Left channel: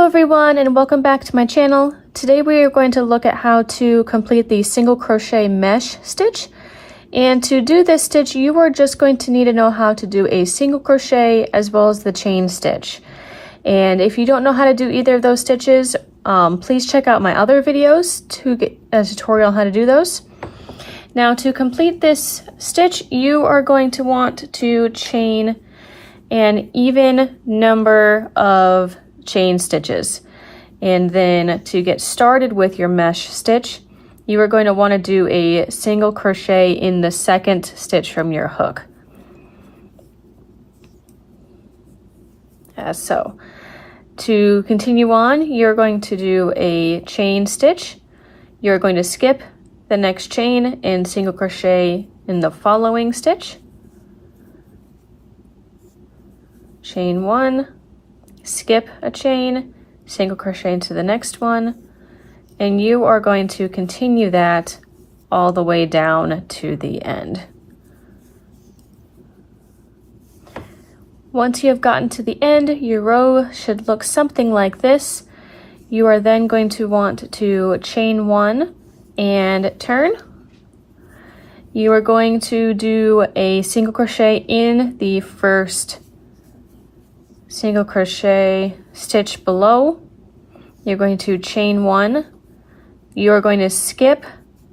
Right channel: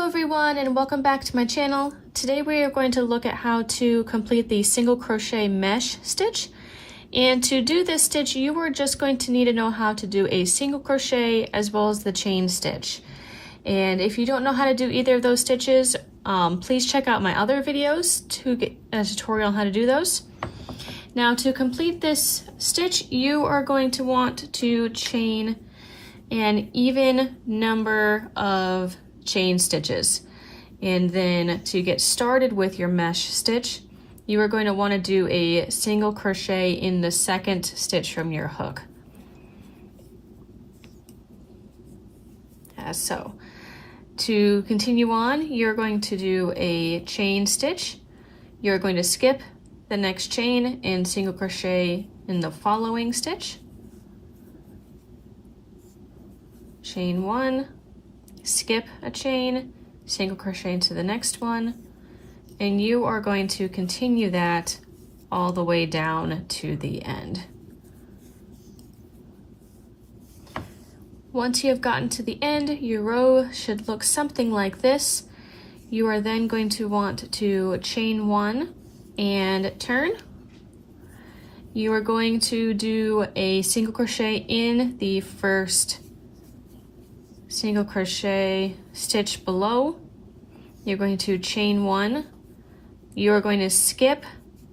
Hello everyone and welcome back to my channel. Today we are going to look at how to complete the single crochet mesh stitch. And to do this stitch, you are just going to need to know how to do a single crochet as well as the chain stitch. And if you don't know how to do either of those stitches, please check out my other videos to get a tutorial on how to do those. Now to complete this stitch, you are going to want to chain an even number of chain stitches. And then to get started with your mesh stitch, you are going to want to do a single crochet in the second stitch from your hook. As so. To continue on, you're going to do a chain stitch. You're going to skip the next chain and single crochet in the following stitch. Chain one, skip a chain, single crochet into the next one, and you are going to continue that all the way down to the end. Once you have gotten to the end, your row should look something like this. You are then going to want to chain one and turn. You are going to do a single crochet in the first single crochet stitch below. You're going to chain one. You're going to skip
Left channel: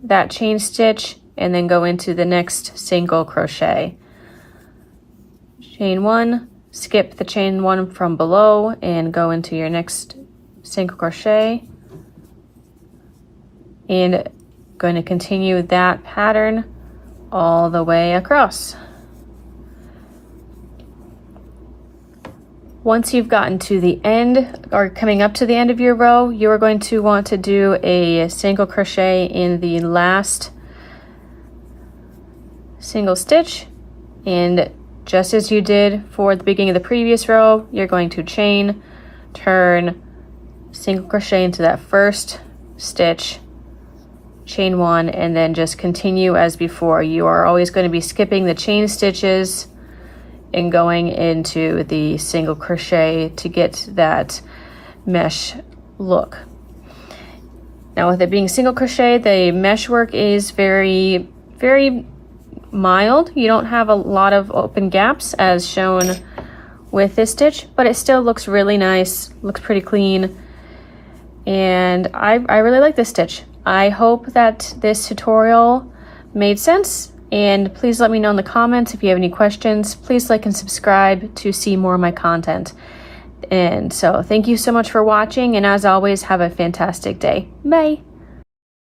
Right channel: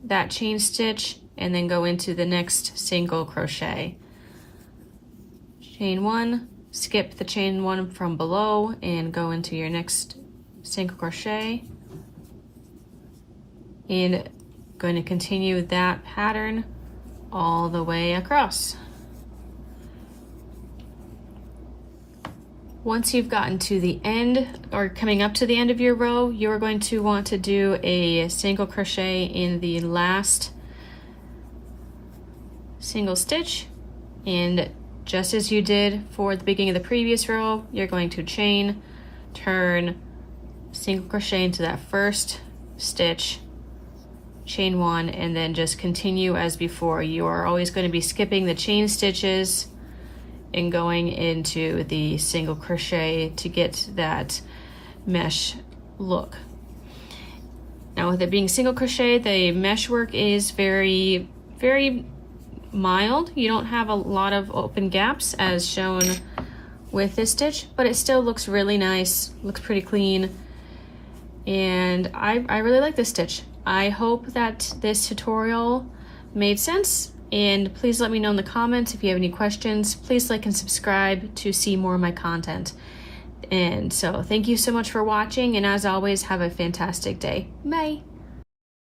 that chain stitch and then go into the next single crochet. Chain one, skip the chain one from below and go into your next single crochet. And going to continue that pattern all the way across. Once you've gotten to the end or coming up to the end of your row, you are going to want to do a single crochet in the last single stitch. And just as you did for the beginning of the previous row, you're going to chain, turn, single crochet into that first stitch, chain one, and then just continue as before. You are always going to be skipping the chain stitches and going into the single crochet to get that mesh look. Now with it being single crochet, the mesh work is very mild. You don't have a lot of open gaps as shown with this stitch, but it still looks really nice, looks pretty clean, and I really like this stitch. I hope that this tutorial made sense. And please let me know in the comments if you have any questions. Please like and subscribe to see more of my content. And so thank you so much for watching, and as always, have a fantastic day. Bye.